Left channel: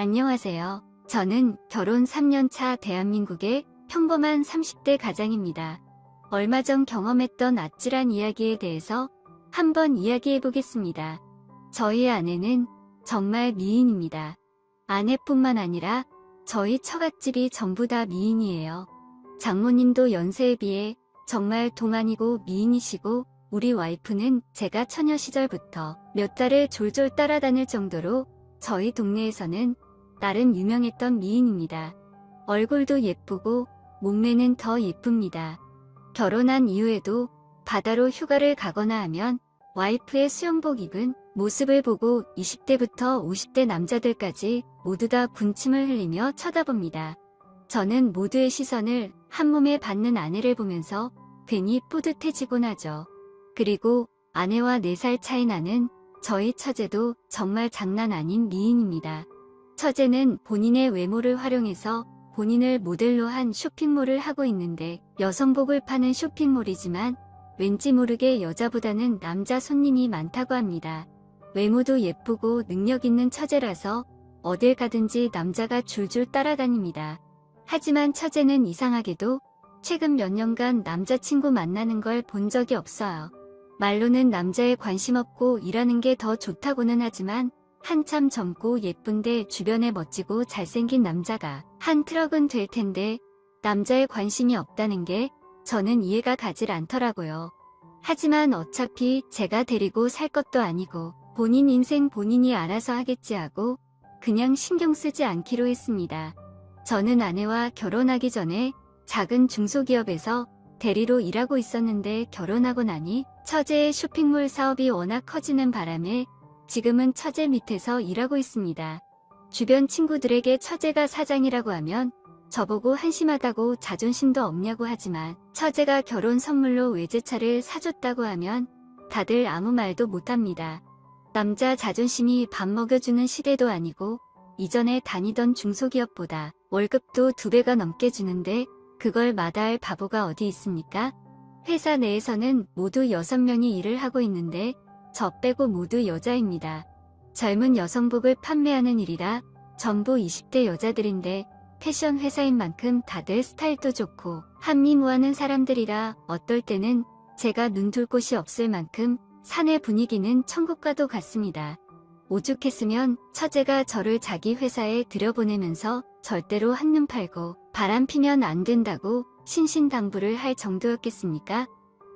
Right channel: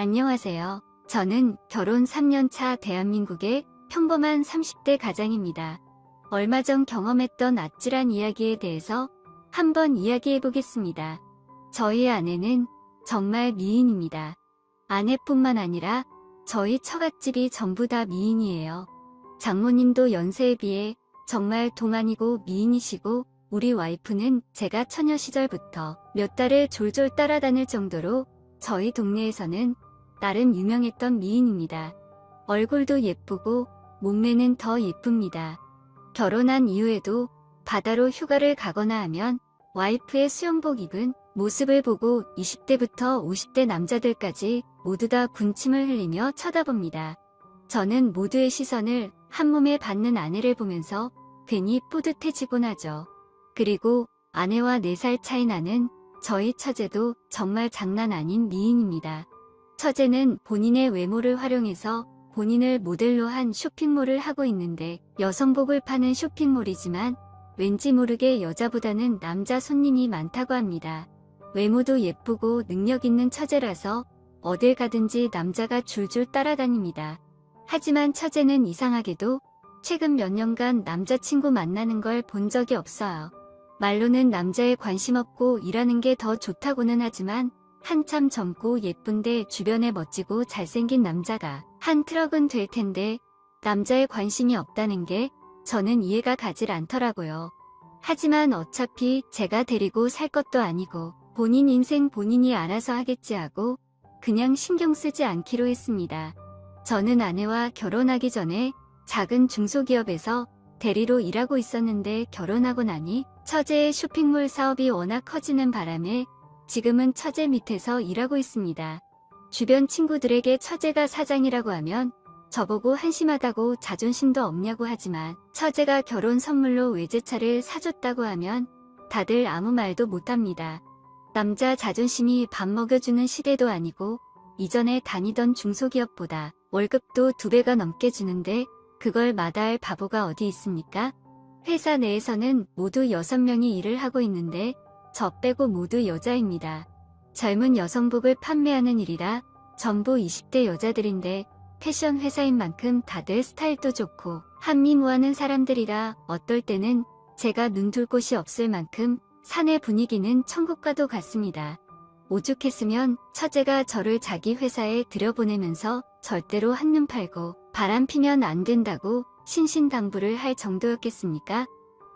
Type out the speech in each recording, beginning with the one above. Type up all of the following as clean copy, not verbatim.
안녕하세요. 저는 결혼 3년차 대한민국의 평범한 30대 가장입니다. 얼마 전 경험했던 아찔한 이야기에 대해서 한번 이야기해 보겠습니다. 저희 아내는 정말 미인입니다. 아내뿐만 아니라 저희 처갓집이 전부 다 미인이에요. 장모님도 연세에 비해 정말 동안이고 미인이시고, 우리 와이프는 제가 처녀 시절부터 몇 달을 졸졸 따라다닐 정도로 저희 동네에서는 나름 유명했던 미인입니다. 얼굴도 예쁘고 몸매는 더 예쁩니다. 결혼한 이후에도 바다로 휴가를 가거나 하면 와이프의 수영복 입은 모습을 보고 20대부터 50대 남자들까지 모두 다 군침을 흘리며 쳐다봅니다. 저는 모두의 시선을 한몸에 받는 아내를 보면서 괜히 뿌듯해지곤 하죠. 그리고 아내와 4살 차이 나는 저희 처제도 정말 장난 아닌 미인입니다. 처제는 본인의 외모를 활용해서 본인을 모델로 한 쇼핑몰을 하고 있는데, 여성복을 파는 쇼핑몰이지만 왠지 모르게 여자보다는 남자 손님이 많다고 합니다. 외모도 예쁘고 능력 있는 처제라서 어딜 가든지 남자가 줄줄 따라다닙니다. 하지만 처제는 이상하게도 최근 몇 년간 남자친구 만나는 걸 본 적이 없어요. 말로는 남자에 관심 없고 이러는 게 더 좋다고는 하지만, 한참 젊고 예쁜데 주변에 멋지고 잘생긴 남자가 한 트럭은 될 텐데 남자에 관심이 없다는 게 저는 이해가 가질 않더라고요. 하지만 어차피 제가 데리고 살 것도 아니고 본인 인생 본인이 알아서 하겠지 하고 그냥 신경 쓰지 않기로 했습니다. 저는 아내와 결혼하기 전에 작은 중소기업에서 대리로 일하고 있었는데, 결혼하고 나니 처제의 쇼핑몰 사업이 워낙 커지는 바람에 지금은 처제 밑에서 일하고 있습니다. 주변 친구들에게 처제가 사장이라고 하면 저보고 한심하다고 자존심도 없냐고 하지만, 처제가 결혼 선물로 외제차를 사줬다고 하면 다들 아무 말도 못합니다. 남자 자존심이 밥 먹여주는 시대도 아니고, 이전에 다니던 중소기업보다 월급도 2배가 넘게 주는데 그걸 마다할 바보가 어디 있습니까? 회사 내에서는 모두 6명이 일을 하고 있는데 저 빼고 모두 여자입니다. 젊은 여성복을 판매하는 일이라 전부 20대 여자들인데, 패션 회사인 만큼 다들 스타일도 좋고 한미무하는 사람들이라 어떨 때는 제가 눈둘 곳이 없을 만큼 사내 분위기는 천국과도 같습니다. 오죽했으면 처제가 저를 자기 회사에 들여보내면서 절대로 한눈 팔고 바람 피면 안 된다고 신신당부를 할 정도였겠습니까?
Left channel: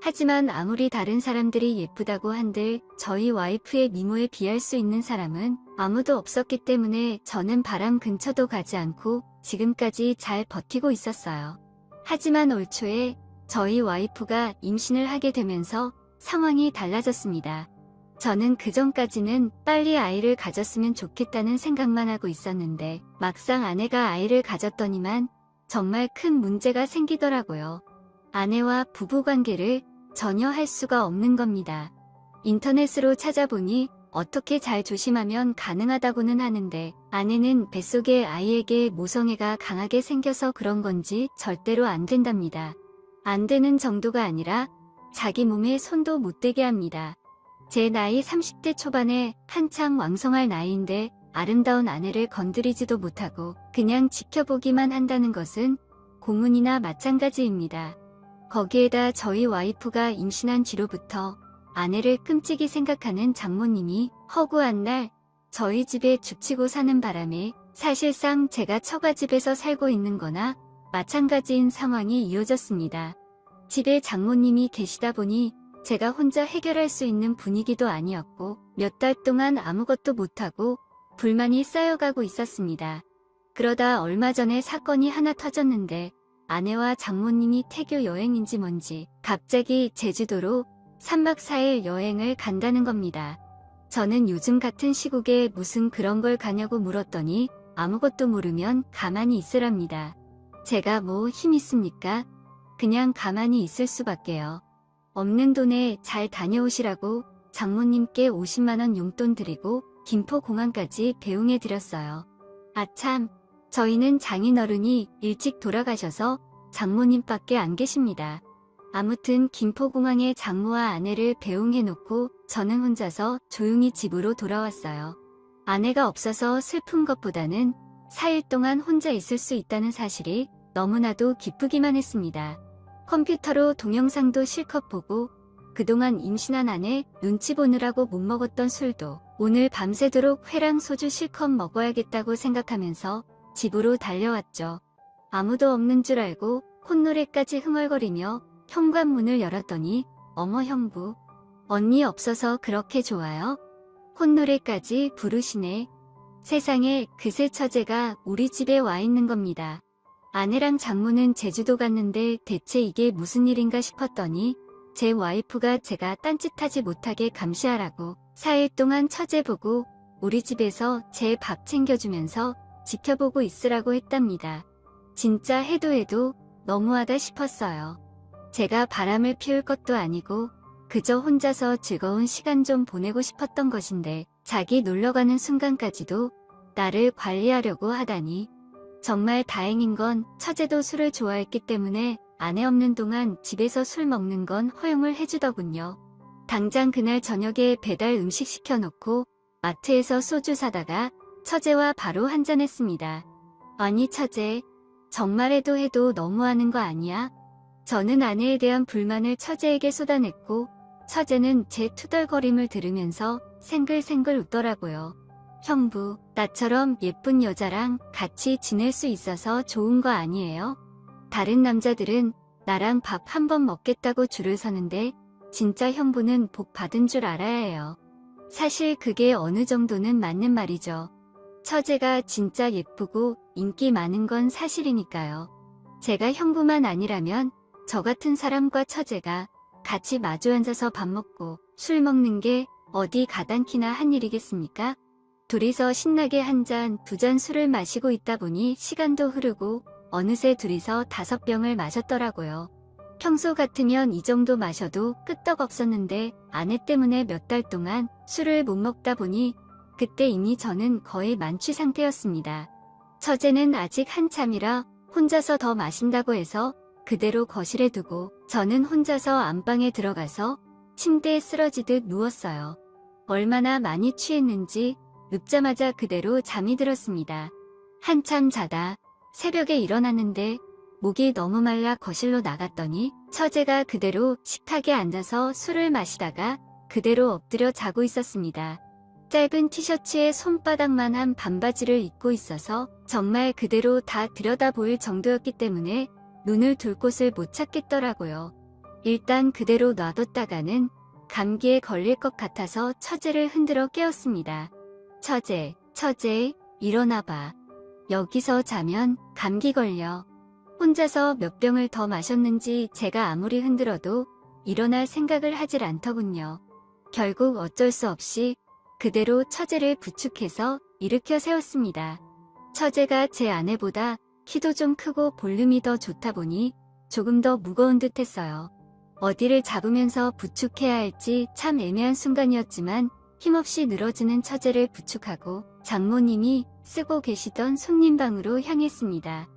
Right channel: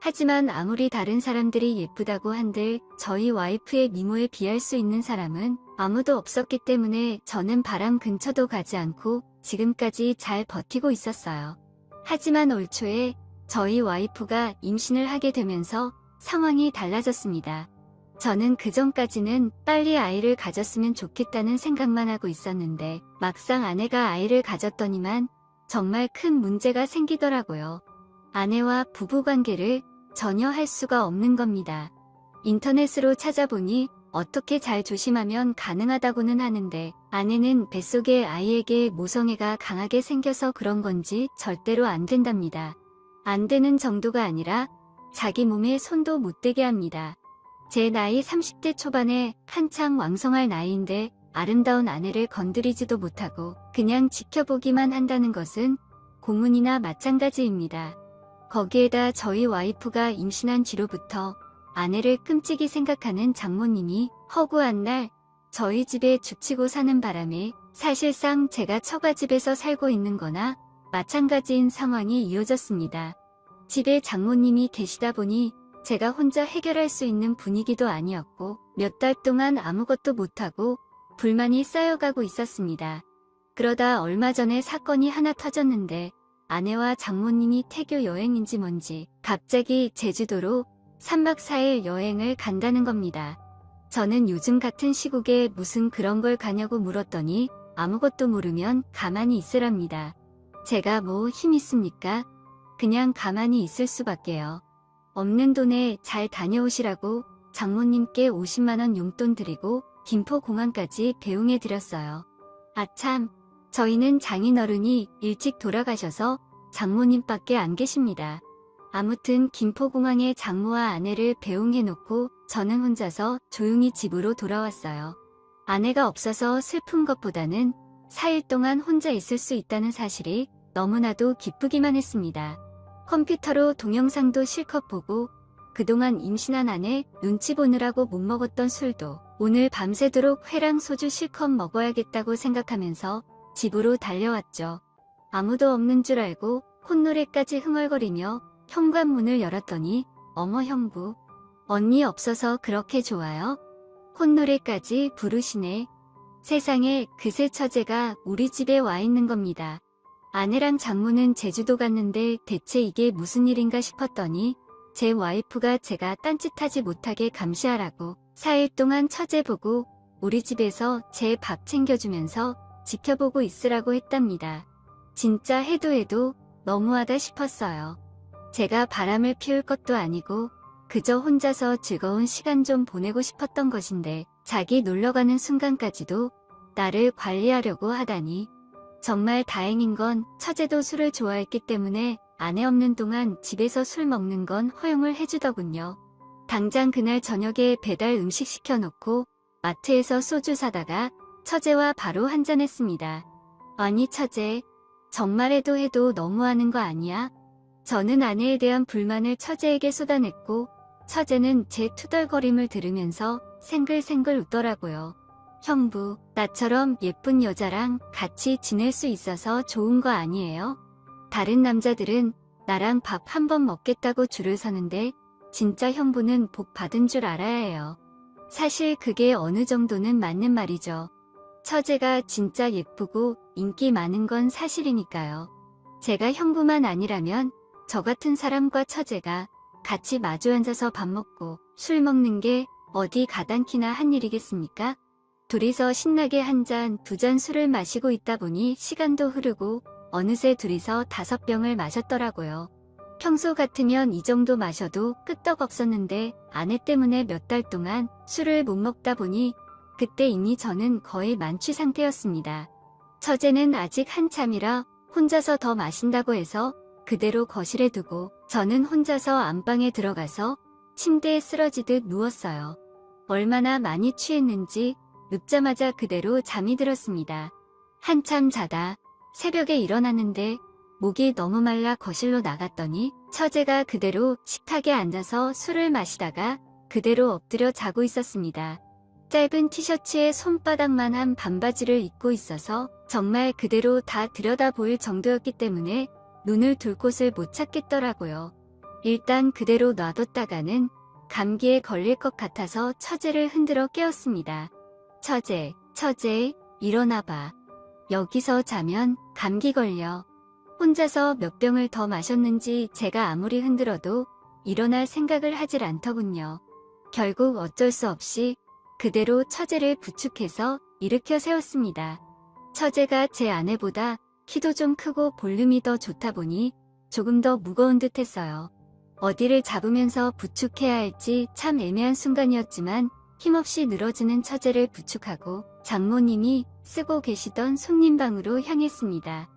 하지만 아무리 다른 사람들이 예쁘다고 한들 저희 와이프의 미모에 비할 수 있는 사람은 아무도 없었기 때문에 저는 바람 근처도 가지 않고 지금까지 잘 버티고 있었어요. 하지만 올 초에 저희 와이프가 임신을 하게 되면서 상황이 달라졌습니다. 저는 그전까지는 빨리 아이를 가졌으면 좋겠다는 생각만 하고 있었는데, 막상 아내가 아이를 가졌더니만 정말 큰 문제가 생기더라고요. 아내와 부부관계를 전혀 할 수가 없는 겁니다. 인터넷으로 찾아보니 어떻게 잘 조심하면 가능하다고는 하는데, 아내는 뱃속의 아이에게 모성애가 강하게 생겨서 그런 건지 절대로 안 된답니다. 안 되는 정도가 아니라 자기 몸에 손도 못 대게 합니다. 제 나이 30대 초반에 한창 왕성할 나이인데 아름다운 아내를 건드리지도 못하고 그냥 지켜보기만 한다는 것은 고문이나 마찬가지입니다. 거기에다 저희 와이프가 임신한 뒤로부터 아내를 끔찍이 생각하는 장모님이 허구한 날 저희 집에 죽치고 사는 바람에 사실상 제가 처가집에서 살고 있는 거나 마찬가지인 상황이 이어졌습니다. 집에 장모님이 계시다 보니 제가 혼자 해결할 수 있는 분위기도 아니었고 몇 달 동안 아무것도 못하고 불만이 쌓여가고 있었습니다. 그러다 얼마 전에 사건이 하나 터졌는데, 아내와 장모님이 태교 여행인지 뭔지 갑자기 제주도로 3박 4일 여행을 간다는 겁니다. 저는 요즘 같은 시국에 무슨 그런 걸 가냐고 물었더니 아무것도 모르면 가만히 있으랍니다. 제가 뭐 힘 있습니까? 그냥 가만히 있을 수밖에요. 없는 돈에 잘 다녀오시라고 장모님께 50만원 용돈 드리고 김포공항까지 배웅해드렸어요. 아참, 저희는 장인어른이 일찍 돌아가셔서 장모님밖에 안 계십니다. 아무튼 김포공항에 장모와 아내를 배웅해놓고 저는 혼자서 조용히 집으로 돌아왔어요. 아내가 없어서 슬픈 것보다는 4일 동안 혼자 있을 수 있다는 사실이 너무나도 기쁘기만 했습니다. 컴퓨터로 동영상도 실컷 보고 그동안 임신한 아내 눈치 보느라고 못 먹었던 술도 오늘 밤새도록 회랑 소주 실컷 먹어야겠다고 생각하면서 집으로 달려왔죠. 아무도 없는 줄 알고 콧노래까지 흥얼거리며 현관문을 열었더니 어머 형부, 언니 없어서 그렇게 좋아요? 콧노래까지 부르시네. 세상에 그새 처제가 우리 집에 와 있는 겁니다. 아내랑 장모는 제주도 갔는데 대체 이게 무슨 일인가 싶었더니 제 와이프가 제가 딴짓하지 못하게 감시하라고 4일 동안 처제 보고 우리 집에서 제 밥 챙겨주면서 지켜보고 있으라고 했답니다. 진짜 해도 너무하다 싶었어요. 제가 바람을 피울 것도 아니고 그저 혼자서 즐거운 시간 좀 보내고 싶었던 것인데 자기 놀러가는 순간까지도 나를 관리하려고 하다니. 정말 다행인 건 처제도 술을 좋아했기 때문에 아내 없는 동안 집에서 술 먹는 건 허용을 해주더군요. 당장 그날 저녁에 배달 음식 시켜놓고 마트에서 소주 사다가 처제와 바로 한잔했습니다. 아니 처제, 정말 해도 너무하는 거 아니야? 저는 아내에 대한 불만을 처제에게 쏟아냈고 처제는 제 투덜거림을 들으면서 생글생글 웃더라고요. 형부, 나처럼 예쁜 여자랑 같이 지낼 수 있어서 좋은 거 아니에요? 다른 남자들은 나랑 밥 한 번 먹겠다고 줄을 서는데 진짜 형부는 복 받은 줄 알아야 해요. 사실 그게 어느 정도는 맞는 말이죠. 처제가 진짜 예쁘고 인기 많은 건 사실이니까요. 제가 형부만 아니라면 저 같은 사람과 처제가 같이 마주 앉아서 밥 먹고 술 먹는 게 어디 가당키나 한 일이겠습니까? 둘이서 신나게 한 잔, 두 잔 술을 마시고 있다 보니 시간도 흐르고 어느새 둘이서 5병을 마셨더라고요. 평소 같으면 이 정도 마셔도 끄떡없었는데 아내 때문에 몇 달 동안 술을 못 먹다 보니 그때 이미 저는 거의 만취 상태였습니다. 처제는 아직 한참이라 혼자서 더 마신다고 해서 그대로 거실에 두고 저는 혼자서 안방에 들어가서 침대에 쓰러지듯 누웠어요. 얼마나 많이 취했는지 눕자마자 그대로 잠이 들었습니다. 한참 자다 새벽에 일어났는데 목이 너무 말라 거실로 나갔더니 처제가 그대로 식탁에 앉아서 술을 마시다가 그대로 엎드려 자고 있었습니다. 짧은 티셔츠에 손바닥만한 반바지를 입고 있어서 정말 그대로 다 들여다보일 정도였기 때문에 눈을 둘 곳을 못 찾겠더라고요. 일단 그대로 놔뒀다가는 감기에 걸릴 것 같아서 처제를 흔들어 깨웠습니다. 처제, 일어나봐. 여기서 자면 감기 걸려. 혼자서 몇 병을 더 마셨는지 제가 아무리 흔들어도 일어날 생각을 하질 않더군요. 결국 어쩔 수 없이 그대로 처제를 부축해서 일으켜 세웠습니다. 처제가 제 아내보다 키도 좀 크고 볼륨이 더 좋다 보니 조금 더 무거운 듯 했어요. 어디를 잡으면서 부축해야 할지 참 애매한 순간이었지만 힘없이 늘어지는 처제를 부축하고 장모님이 쓰고 계시던 손님방으로 향했습니다.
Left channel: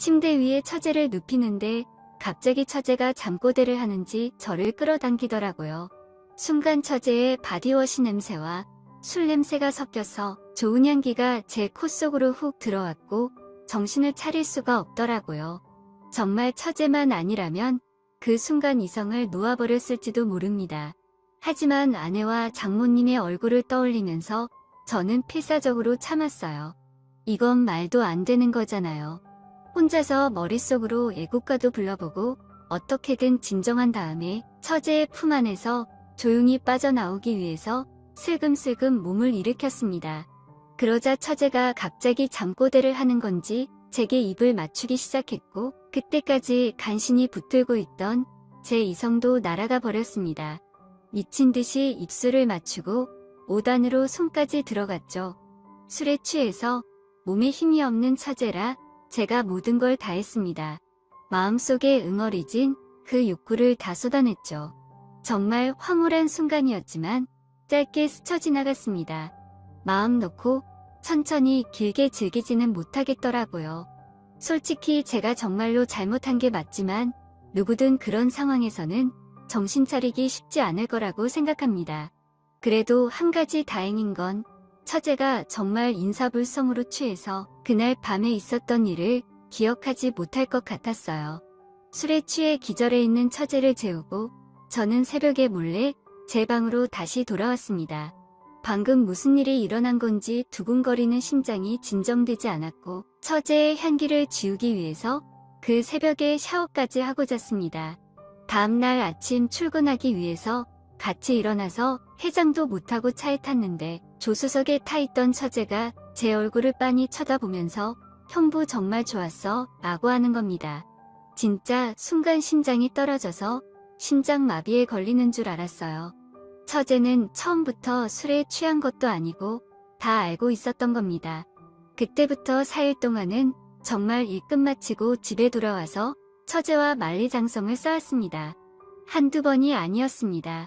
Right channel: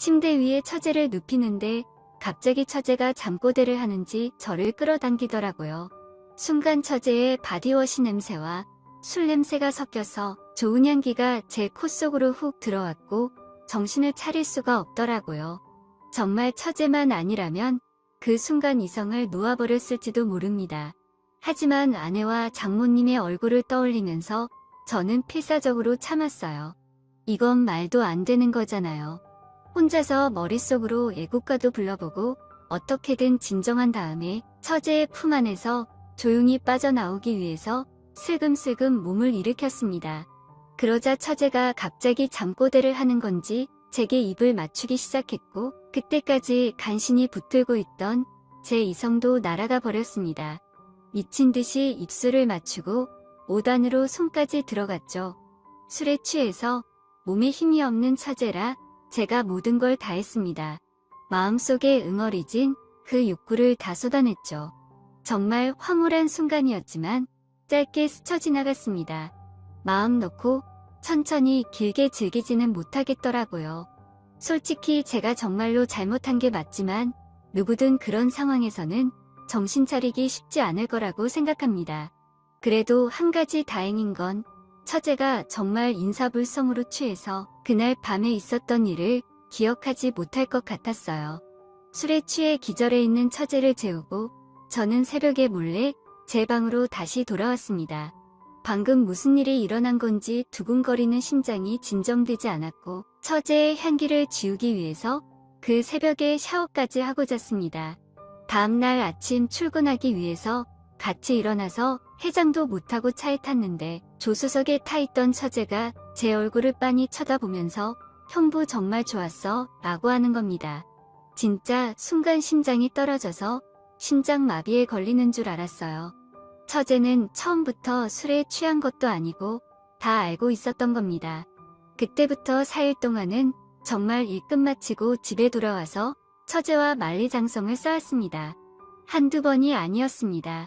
침대 위에 처제를 눕히는데 갑자기 처제가 잠꼬대를 하는지 저를 끌어당기더라고요. 순간 처제의 바디워시 냄새와 술 냄새가 섞여서 좋은 향기가 제 코 속으로 훅 들어왔고 정신을 차릴 수가 없더라고요. 정말 처제만 아니라면 그 순간 이성을 놓아버렸을지도 모릅니다. 하지만 아내와 장모님의 얼굴을 떠올리면서 저는 필사적으로 참았어요. 이건 말도 안 되는 거잖아요. 혼자서 머릿속으로 애국가도 불러보고 어떻게든 진정한 다음에 처제의 품 안에서 조용히 빠져나오기 위해서 슬금슬금 몸을 일으켰습니다. 그러자 처제가 갑자기 잠꼬대를 하는 건지 제게 입을 맞추기 시작했고 그때까지 간신히 붙들고 있던 제 이성도 날아가 버렸습니다. 미친 듯이 입술을 맞추고 5단으로 손까지 들어갔죠. 술에 취해서 몸에 힘이 없는 처제라 제가 모든 걸 다 했습니다. 마음속에 응어리진 그 욕구를 다 쏟아냈죠. 정말 황홀한 순간이었지만 짧게 스쳐 지나갔습니다. 마음 놓고 천천히 길게 즐기지는 못하겠더라고요. 솔직히 제가 정말로 잘못한 게 맞지만 누구든 그런 상황에서는 정신 차리기 쉽지 않을 거라고 생각합니다. 그래도 한 가지 다행인 건 처제가 정말 인사불성으로 취해서 그날 밤에 있었던 일을 기억하지 못할 것 같았어요. 술에 취해 기절해 있는 처제를 재우고 저는 새벽에 몰래 제 방으로 다시 돌아왔습니다. 방금 무슨 일이 일어난 건지 두근거리는 심장이 진정되지 않았고 처제의 향기를 지우기 위해서 그 새벽에 샤워까지 하고 잤습니다. 다음날 아침 출근하기 위해서 같이 일어나서 해장도 못하고 차에 탔는데 조수석에 타있던 처제가 제 얼굴을 빤히 쳐다보면서 형부 정말 좋았어 라고 하는 겁니다. 진짜 순간 심장이 떨어져서 심장마비에 걸리는 줄 알았어요. 처제는 처음부터 술에 취한 것도 아니고 다 알고 있었던 겁니다. 그때부터 4일 동안은 정말 일 끝마치고 집에 돌아와서 처제와 만리장성을 쌓았습니다. 한두 번이 아니었습니다.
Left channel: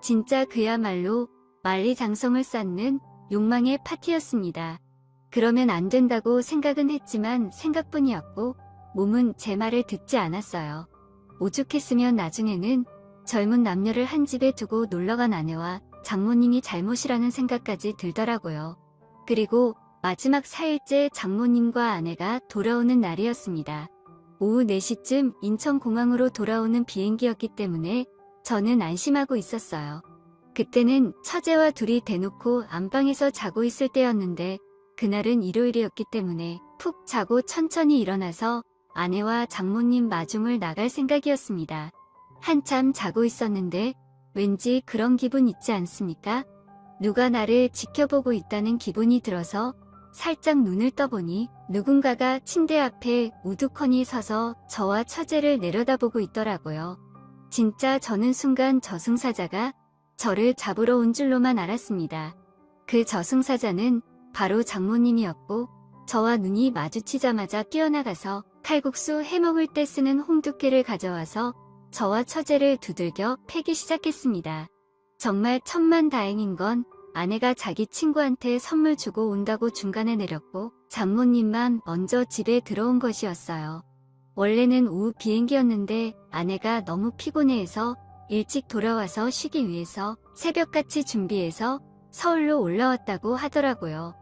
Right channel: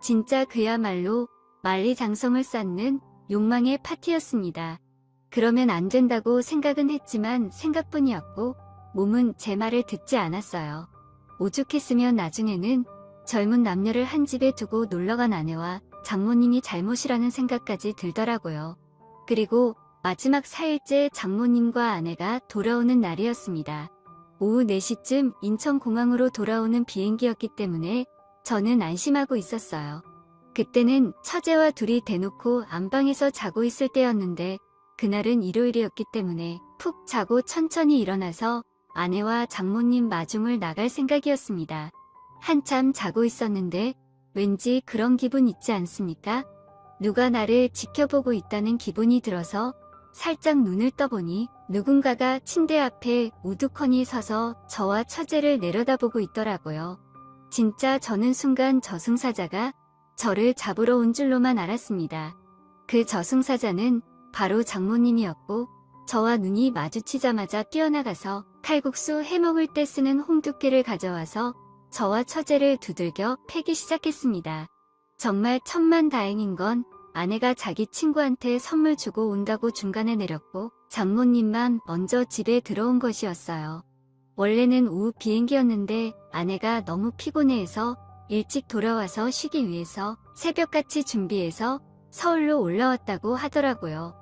진짜 그야말로 만리장성을 쌓는 욕망의 파티였습니다. 그러면 안 된다고 생각은 했지만 생각뿐이었고 몸은 제 말을 듣지 않았어요. 오죽했으면 나중에는 젊은 남녀를 한 집에 두고 놀러간 아내와 장모님이 잘못이라는 생각까지 들더라고요. 그리고 마지막 4일째 장모님과 아내가 돌아오는 날이었습니다. 오후 4시쯤 인천공항으로 돌아오는 비행기였기 때문에 저는 안심하고 있었어요. 그때는 처제와 둘이 대놓고 안방에서 자고 있을 때였는데 그날은 일요일이었기 때문에 푹 자고 천천히 일어나서 아내와 장모님 마중을 나갈 생각이었습니다. 한참 자고 있었는데 왠지 그런 기분 있지 않습니까? 누가 나를 지켜보고 있다는 기분이 들어서 살짝 눈을 떠보니 누군가가 침대 앞에 우두커니 서서 저와 처제를 내려다보고 있더라고요. 진짜 저는 순간 저승사자가 저를 잡으러 온 줄로만 알았습니다. 그 저승사자는 바로 장모님이었고 저와 눈이 마주치자마자 뛰어나가서 칼국수 해먹을 때 쓰는 홍두깨를 가져와서 저와 처제를 두들겨 패기 시작했습니다. 정말 천만다행인 건 아내가 자기 친구한테 선물 주고 온다고 중간에 내렸고 장모님만 먼저 집에 들어온 것이었어요. 원래는 오후 비행기였는데 아내가 너무 피곤해해서 일찍 돌아와서 쉬기 위해서 새벽같이 준비해서 서울로 올라왔다고 하더라고요.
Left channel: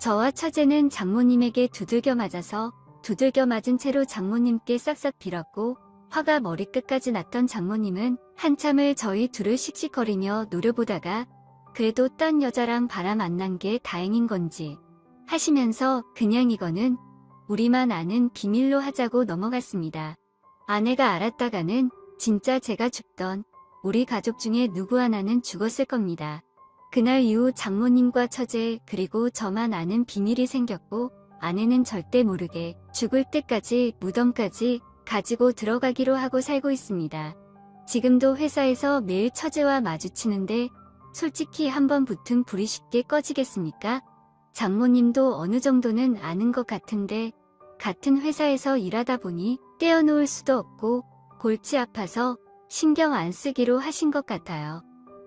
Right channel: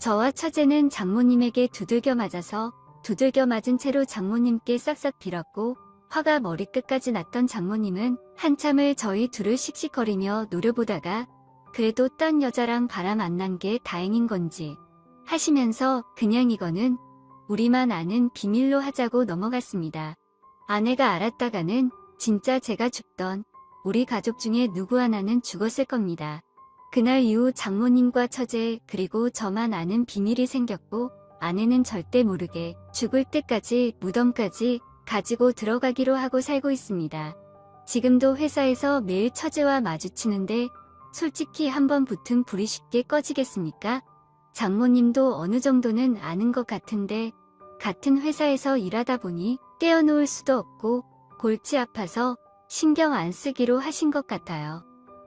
저와 처제는 장모님에게 두들겨 맞아서 두들겨 맞은 채로 장모님께 싹싹 빌었고 화가 머리끝까지 났던 장모님은 한참을 저희 둘을 씩씩거리며 노려보다가 그래도 딴 여자랑 바람 안 난 게 다행인 건지 하시면서 그냥 이거는 우리만 아는 비밀로 하자고 넘어갔습니다. 아내가 알았다가는 진짜 제가 죽던 우리 가족 중에 누구 하나는 죽었을 겁니다. 그날 이후 장모님과 처제 그리고 저만 아는 비밀이 생겼고 아내는 절대 모르게 죽을 때까지 무덤까지 가지고 들어가기로 하고 살고 있습니다. 지금도 회사에서 매일 처제와 마주치는데 솔직히 한번 붙은 불이 쉽게 꺼지겠습니까? 장모님도 어느 정도는 아는 것 같은데 같은 회사에서 일하다 보니 떼어놓을 수도 없고 골치 아파서 신경 안 쓰기로 하신 것 같아요.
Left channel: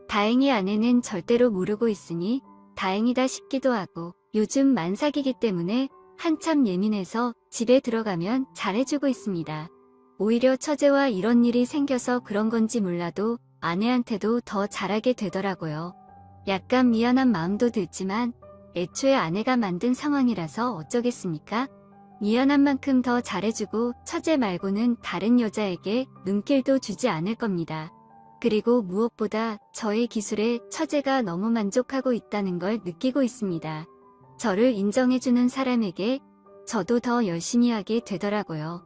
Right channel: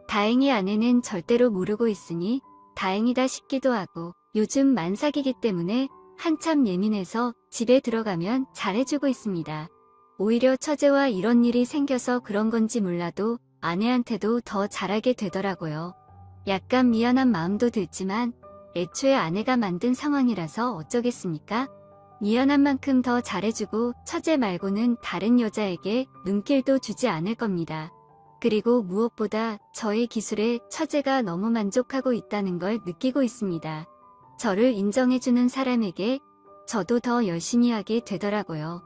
다행히 아내는 절대로 모르고 있으니 다행이다 싶기도 하고 요즘 만삭이기 때문에 한참 예민해서 집에 들어가면 잘해주고 있습니다. 오히려 처제와 이런 일이 생겨서 그런 건지 몰라도 아내한테도 더 잘하게 되더라고요. 약간 미안한 마음도 들지만 애초에 아내가 만든 상황이라서 어쩌겠습니까? 미안한 만큼 더 잘해주고 처제 말고는 다른 여자에게 눈길도 주지 않을 겁니다. 그리고 무엇보다 저의 기술에 처제가 너무 만족하고 있다는 걸 느끼고 있습니다. 저를 인정해주는 사람에게 저도 더 열심히 하게 되더라고요.